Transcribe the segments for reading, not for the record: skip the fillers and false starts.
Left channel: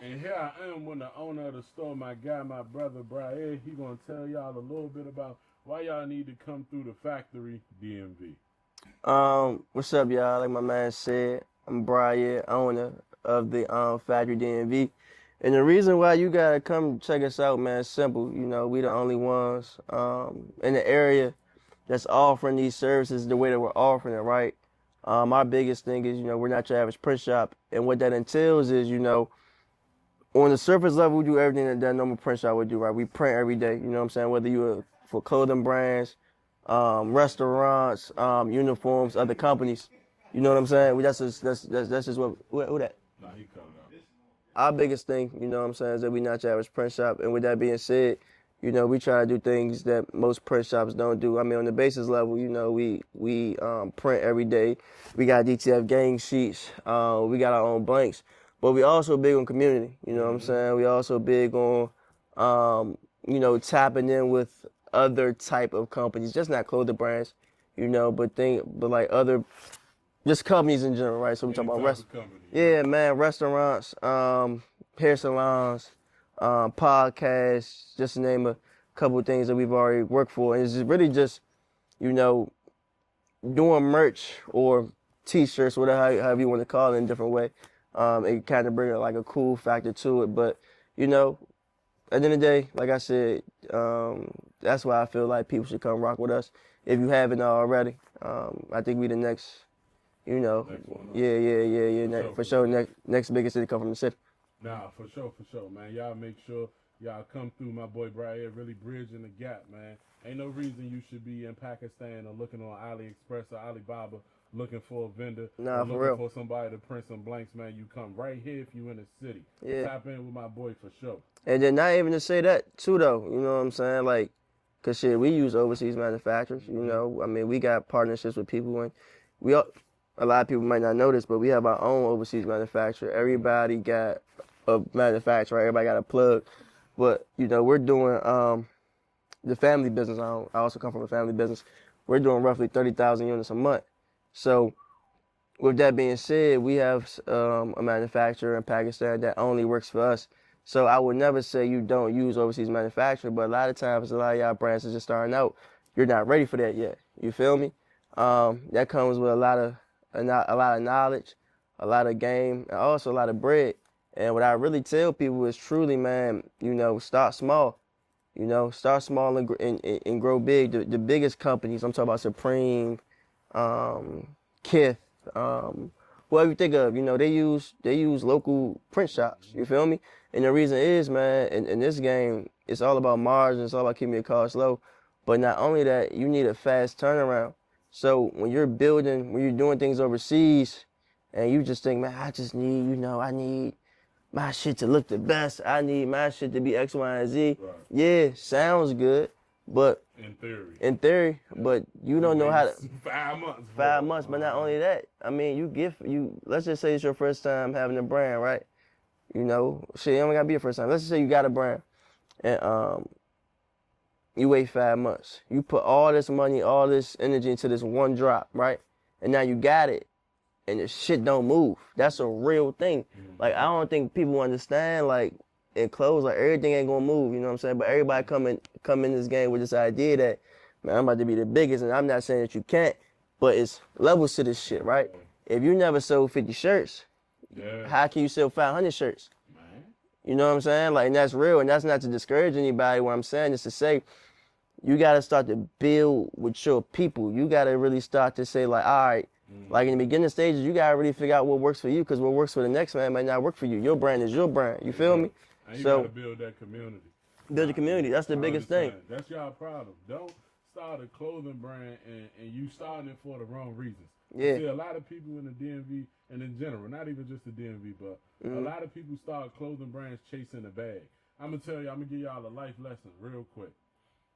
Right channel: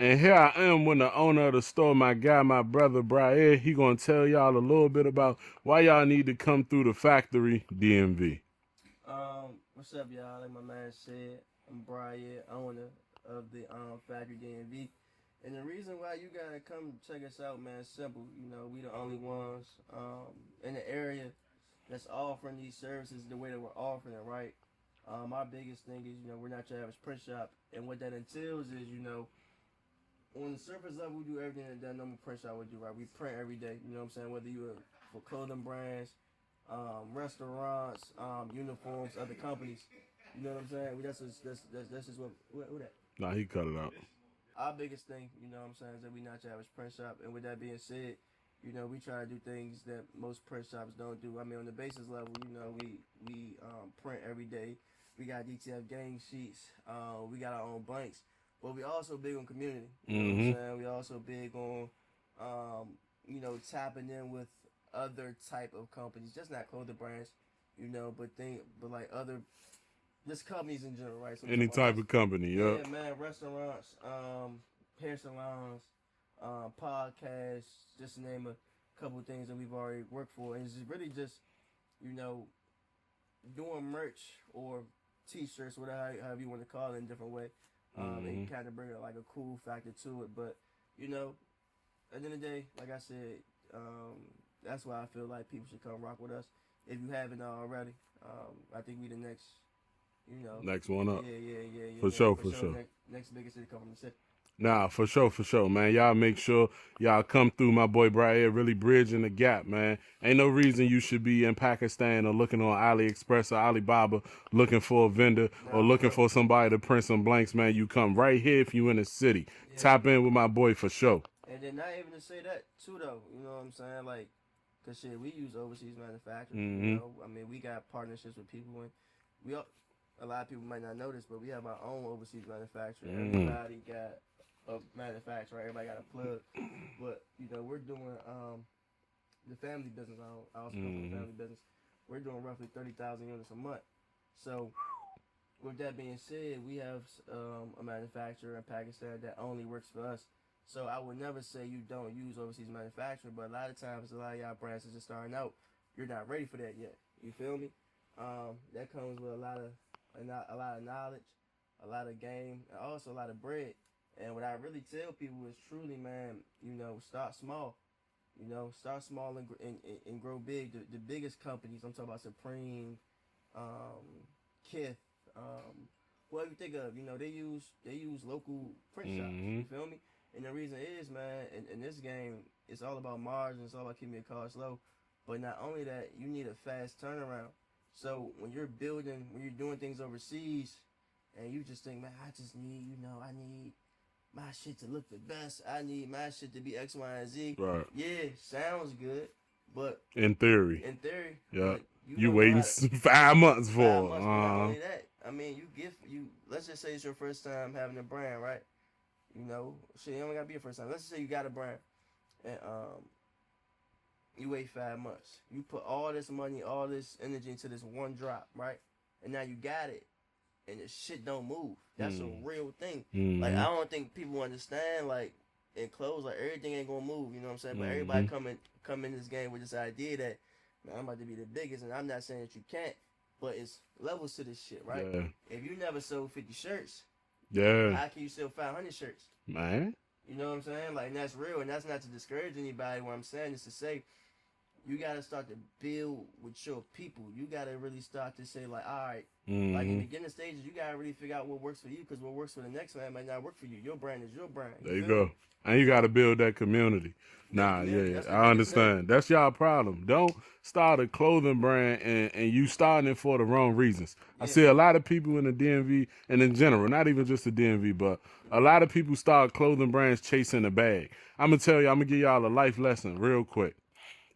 And here I am with the owner of the store, my guy, my brother, Brian. He gonna tell y'all a little bit about why y'all need to come through the factory DMV. What's up, y'all? Like my man said, I'm Brian, owner of the Factory DMV. And the reason why you gotta come check us out, man, is simple. You know, we the only ones in the area that's offering these services the way that we're offering it, right? Our biggest thing is, we're not your average print shop. And what that entails is, on the surface level, we do everything that a normal print shop would do, right? We print every day, you know what I'm saying? Whether you're for clothing brands, restaurants, uniforms, other companies. You know what I'm saying? That's just what who that. Nah, he cut it out. Our biggest thing, you know what I'm saying, is that we not your average print shop. And with that being said, we try to do things that most print shops don't do. I mean, on the basis level, we print every day. We got DTF gang sheets. We got our own blanks. But we also big on community. You know what I'm saying? We also big on, tapping in with other type of companies, just not clothing brands, but like other, just companies in general, right? So we Any talking type about of company. yeah, man, restaurants, hair salons, podcasts, just to name a couple of things that we've already worked for. And it's really just, doing merch or t-shirts, whatever, however you want to call it in a different way. It kind of bring like a cool factor to it. But, at the end of the day, like I said, that's why I feel like people should come rock with us. If you haven't already, I think we the next, Next one up. Yeah. For sure. Next biggest city come from the city. Nah, for sure, man. Y'all make sure y'all come through, my boy Brian, really bridging the gap, man. Ain't no reason you should be in Pakistan or looking on AliExpress or Alibaba looking for a vendor or looking for somebody to print some blanks, man. You come right here if you in the city. Yeah. Tap in with my boy for sure. And then not even to say that too, though. You know what I'm saying? Like, cause shit, we use overseas manufacturers. I mean, we got partnerships with people, and a lot of people might not know this, but we have our own overseas manufacturer. Everybody got a manufacturer. Everybody got a plug. But, we're doing the family business. I also come from a family business. We're doing roughly 30,000 units a month. So with that being said, we have a manufacturer in Pakistan that only works for us. So I would never say you don't use overseas manufacturer, but a lot of times, a lot of y'all brands are just starting out. You're not ready for that yet. You feel me? That comes with a lot of knowledge, a lot of game, and also a lot of bread. And what I really tell people is truly, man, start small. Start small and grow big. The biggest companies, I'm talking about Supreme, Kith, whoever you think of, they use local print shops. You feel me? And the reason is, man, in this game, it's all about margin. It's all about keeping your costs low. But not only that, you need a fast turnaround. So when you're doing things overseas, and you just think, man, I just need, I need my shit to look the best. I need my shit to be X, Y, and Z. Right. Yeah, sounds good, but in theory, yeah. But you don't know how to 5 months for 5 months. But not only that, I mean, let's just say it's your first time having a brand, right? Shit, it only gotta be your first time. Let's just say you got a brand, and you wait 5 months. You put all this money, all this energy into this one drop, right? And now you got it, and the shit don't move. That's a real thing. Like, I don't think people understand, like, in clothes, like, everything ain't gonna move, you know what I'm saying? But everybody come in this game with this idea that, man, I'm about to be the biggest, and I'm not saying that you can't, but it's levels to this shit, right? Yeah. If you never sold 50 shirts, how can you sell 500 shirts? Man. You know what I'm saying? Like, and that's real, and that's not to discourage anybody. What I'm saying is to say, you got to start to build with your people. You got to really start to say, like, all right, like in the beginning stages, you got to really figure out what works for you, because what works for the next man might not work for you. Your brand is your brand. You feel me? And you got to build that community. Build the community. That's the biggest thing. I understand. That's y'all problem. Don't start a clothing brand and you starting it for the wrong reasons. Yeah. I see a lot of people in the DMV, and in general, not even just the DMV, but a lot of people start clothing brands chasing a bag. I'm going to tell you, I'm going to give y'all a life lesson real quick.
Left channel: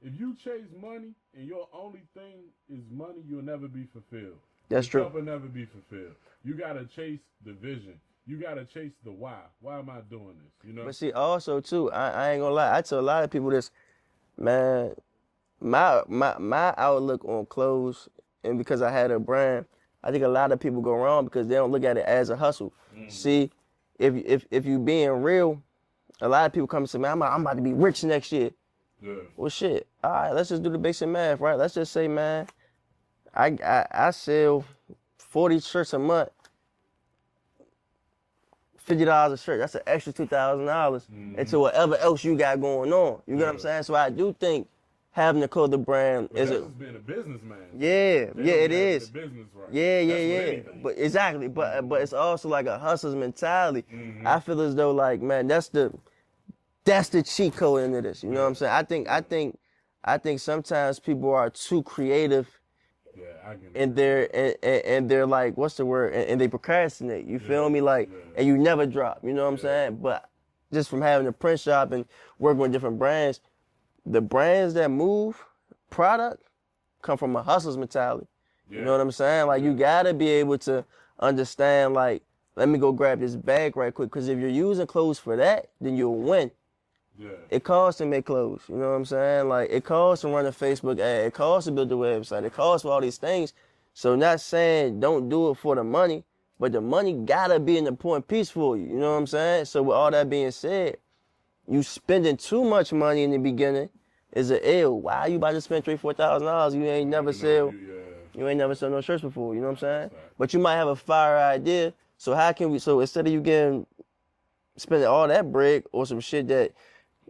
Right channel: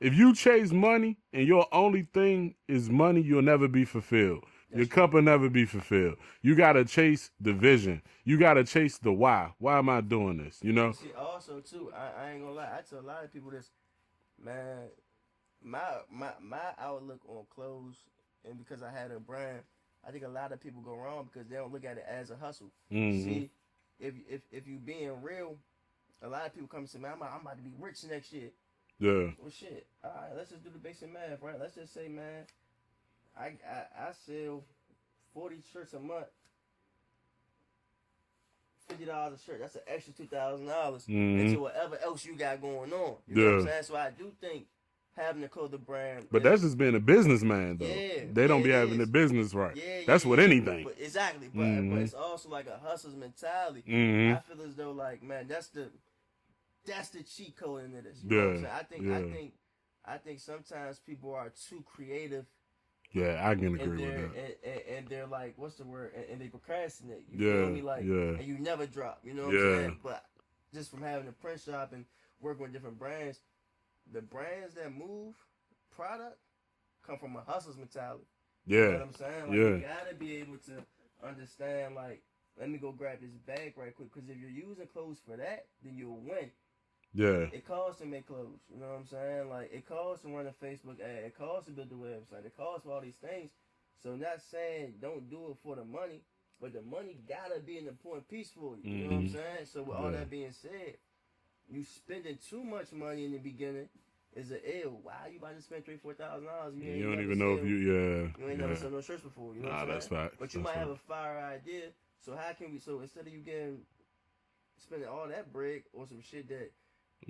If you chase money and your only thing is money, you'll never be fulfilled. Your cup will never be fulfilled. You got to chase the vision. You got to chase the why. Why am I doing this? But see, also, too, I ain't going to lie. I tell a lot of people this, man, my outlook on clothes, and because I had a brand, I think a lot of people go wrong because they don't look at it as a hustle. See, if you being real, a lot of people come and say, man, I'm about to be rich next year. Yeah. Well, shit. All right, let's just do the basic math, right? Let's just say, man, I sell 40 shirts a month, $50 a shirt. That's an extra $2,000 into whatever else you got going on. You know what I'm saying? So I do think having a clothing brand, but that's just being a businessman. Though. Yeah, they don't be having the business right. Yeah, that's with anything. But exactly, but it's also like a hustler's mentality. I feel as though like, man, that's the cheat code into this. You know what I'm saying? I think sometimes people are too creative. Yeah, I can agree. And they're like, what's the word? And they procrastinate. You feel me? Like, and you never drop. You know what I'm saying? But just from having a print shop and working with different brands, the brands that move product come from a hustler's mentality. Yeah. You know what I'm saying? Like, you gotta be able to understand, like, let me go grab this bag right quick. Because if you're using clothes for that, then you'll win. Yeah. It costs to make clothes. You know what I'm saying? Like, it costs to run a Facebook ad. It costs to build the website. It costs for all these things. So not saying don't do it for the money, but the money gotta be an important piece for you. You know what I'm saying? So with all that being said, you spending too much money in the beginning is an ill. Why you about to spend $3,000-$4,000? You ain't never sell. You ain't never sell no shirts before. You know what I'm saying? But you might have a fire idea. So how can we? So instead of you spending all that bread or some shit that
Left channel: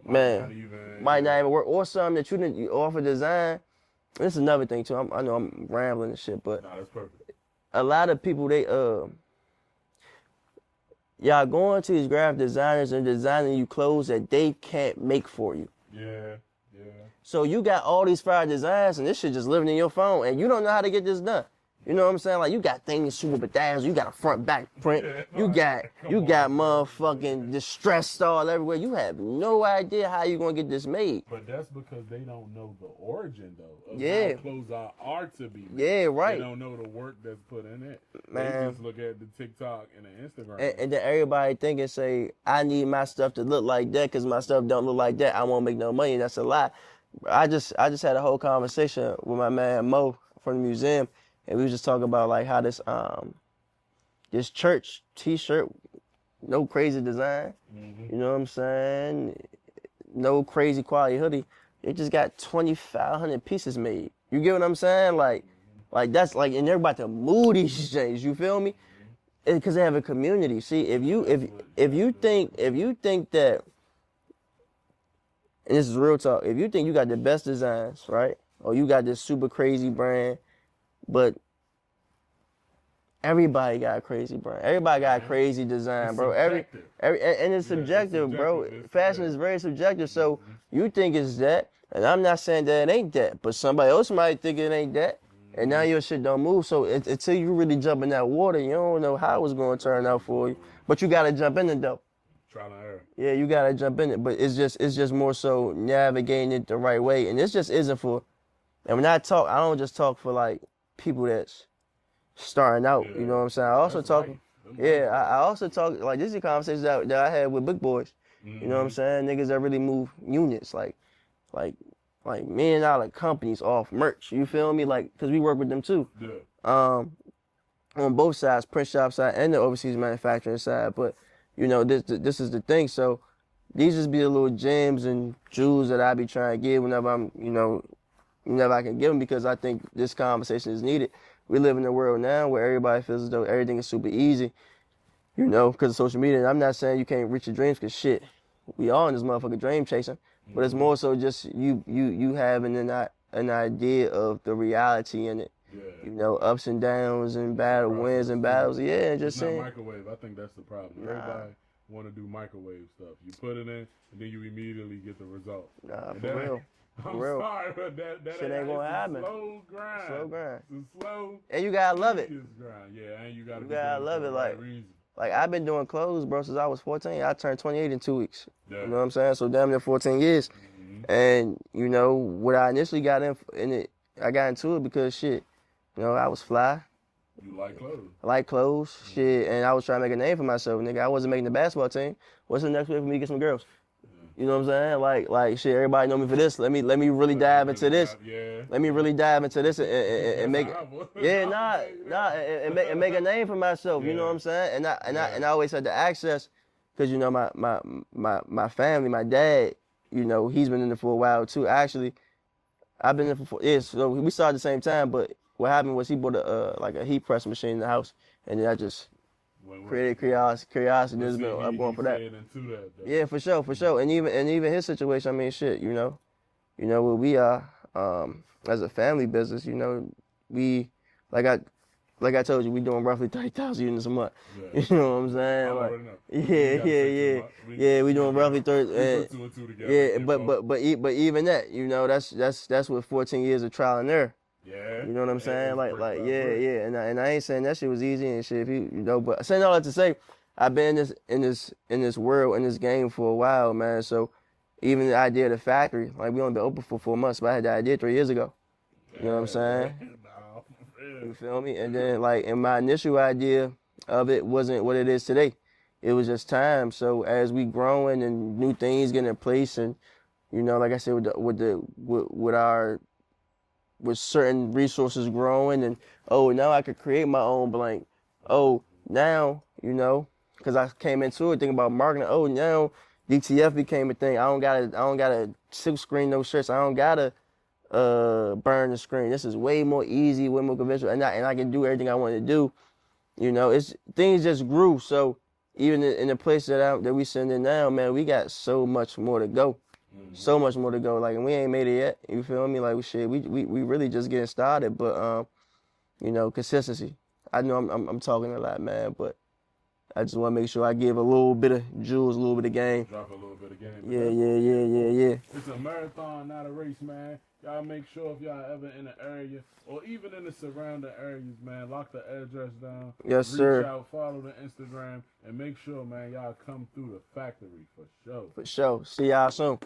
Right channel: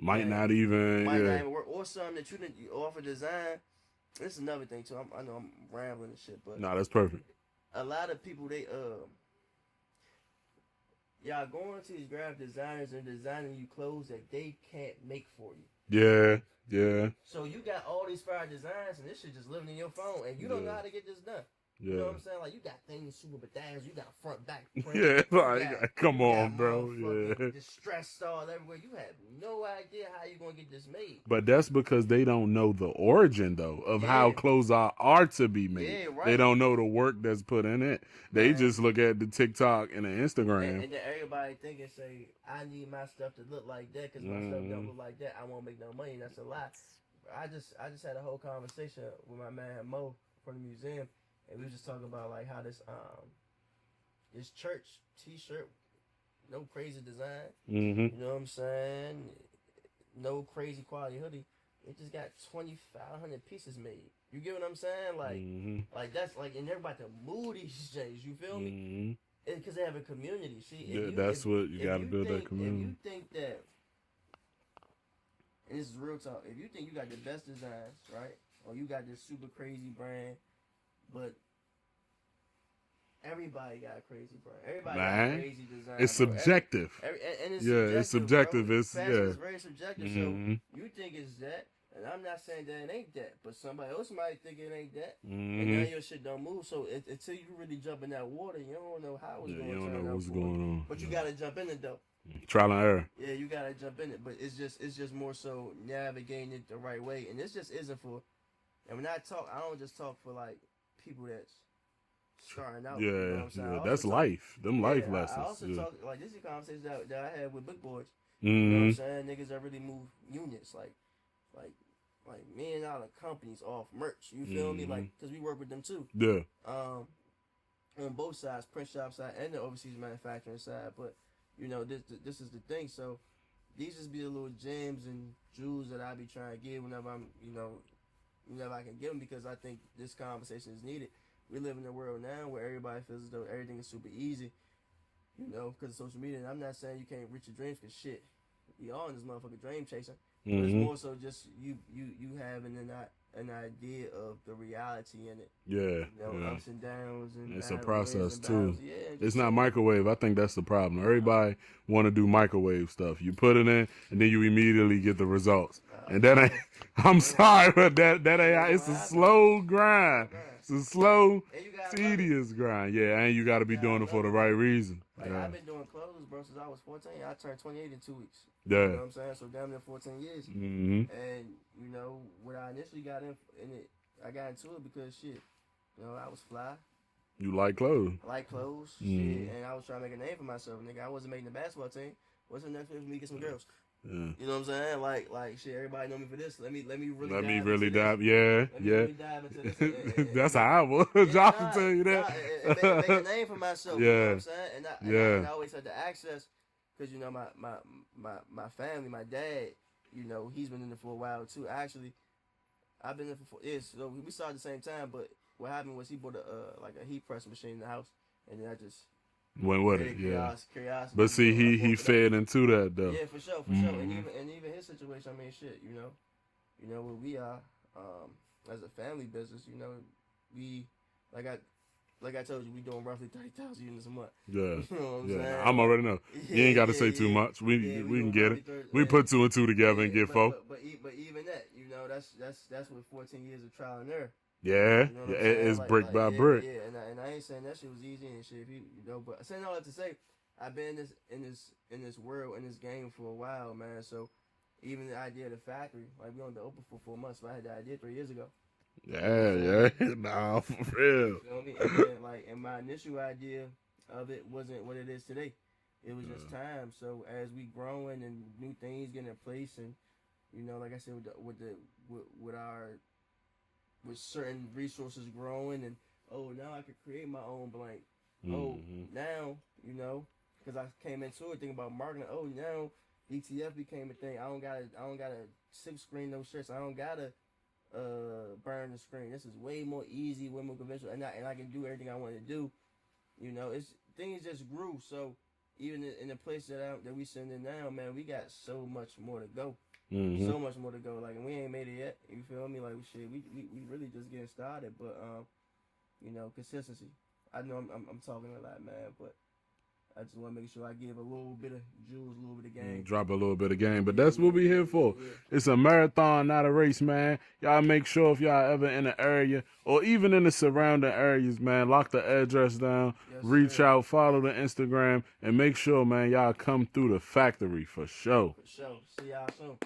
might not even work, or something that you offer design. This is another thing too. I know I'm rambling and shit, but no, that's perfect. A lot of people y'all going to these graphic designers and designing you clothes that they can't make for you. Yeah, yeah. So you got all these fire designs and this shit just living in your phone and you don't know how to get this done. You know what I'm saying? Like, you got things super bedazzled, you got a front back print, you got motherfucking distress style everywhere. You have no idea how you're gonna get this made. But that's because they don't know the origin though of how clothes are to be made. Yeah, right. They don't know the work that's put in it. Man. They just look at the TikTok and the Instagram. And then everybody think and say, I need my stuff to look like that because my stuff don't look like that. I won't make no money. That's a lie. I just had a whole conversation with my man Mo from the museum. And we was just talking about like how this church t-shirt, no crazy design, you know what I'm saying? No crazy quality hoodie. It just got 2,500 pieces made. You get what I'm saying? Like, like that's like, and they're about to move these things. You feel me? Because they have a community. See, if you think that, and this is real talk, if you think you got the best designs, right, or you got this super crazy brand. But everybody got a crazy brand. Everybody got a crazy design, it's bro. Subjective. And it's subjective, bro. Fashion is very subjective. So you think it's that, and I'm not saying that it ain't that, but somebody else might think it ain't that, and now your shit don't move. So until you really jump in that water, you don't know how it's going to turn out for you. But you got to jump in it, though. Trial and error. Yeah, you got to jump in it. But it's just more so navigating it the right way. And this just isn't for, and when I talk, I don't just talk for like, people that's starting out, you know what I'm saying? I also talk, I also talk, like, this is a conversation that I had with big boys, you know what I'm saying? Niggas that really move units, like $1 million companies off merch, you feel me? Like, because we work with them too. Yeah. On both sides, print shop side and the overseas manufacturing side, but, you know, this is the thing, so these just be the little gems and jewels that I be trying to give whenever I'm, whenever I can give them, because I think this conversation is needed. We live in a world now where everybody feels as though everything is super easy, because of social media. And I'm not saying you can't reach your dreams, because shit, we all in this motherfucker dream chasing. But it's more so just you having an idea of the reality in it. Yeah. Ups and downs and wins and battles. Too. Yeah, just it's not microwave. I think that's the problem. Everybody want to do microwave stuff. You put it in, and then you immediately get the results. And that ain't. I'm sorry, but that ain't. It's a slow grind. It's a slow, and you gotta love it. Grind. Yeah, and you gotta be doing it for the right reason. Like, I've been doing clothes, bro, since I was 14. I turned 28 in 2 weeks. Yeah. You know what I'm saying? So damn near 14 years. And what I initially got in it, I got into it because shit, I was fly. You like clothes. I like clothes, shit, and I was trying to make a name for myself, nigga. I wasn't making the basketball team. What's the next way for me to get some girls? You know what I'm saying? Like shit, everybody know me for this. Let me really dive into this. Let me really dive into this and make, how I was. And make a name for myself. You know what I'm saying? And I always had the access because you know my family, my dad, you know, he's been in it for a while too. Actually, I've been in it for 4 years, so we started at the same time. But what happened was he bought a like a heat press machine in the house, and then I just went with it. Curiosity. But see, he fed into that though. Yeah, for sure, for sure. And even his situation, I mean, shit, you know where we are as a family business. You know, we like I told you, we doing roughly 30,000 units a month. Yeah. You know what I'm saying? I'm already know. You ain't got to say too much. We doing roughly 30. We put 2 and 2 together and get but even that, you know, that's with 14 years of trial and error. Yeah. You know what I'm saying? It's brick by brick. Yeah. And I ain't saying that shit was easy and shit. If you know, but saying all that to say, I've been in this world, in this game for a while, man. So even the idea of the factory, like we only been open for 4 months, but I had the idea 3 years ago. Yeah, you know what I'm saying? Nah, for real. You feel me? And then and my initial idea of it wasn't what it is today. It was just time. So as we growing and new things getting in place, and you know, like I said, with certain resources growing, and now I could create my own blank. Now, you know, because I came into it thinking about marketing. Now DTF became a thing. I don't gotta silk screen no shirts. I don't gotta burn the screen. This is way more easy, way more conventional, and I can do everything I want to do. You know, things just grew. So even in the place that we sitting in now, man, we got so much more to go. So much more to go. Like, and we ain't made it yet. You feel me? Like, we really just getting started. But you know, consistency. I know I'm talking a lot, man, but I just want to make sure I give a little bit of jewels, a little bit of game. Drop a little bit of game, but that's what we're here for. Yeah. It's a marathon, not a race, man. Y'all make sure if y'all ever in the area or even in the surrounding areas, man, lock the address down. Yes, Reach sir. out, follow the Instagram, and make sure, man, y'all come through the factory for sure. For sure. See y'all soon.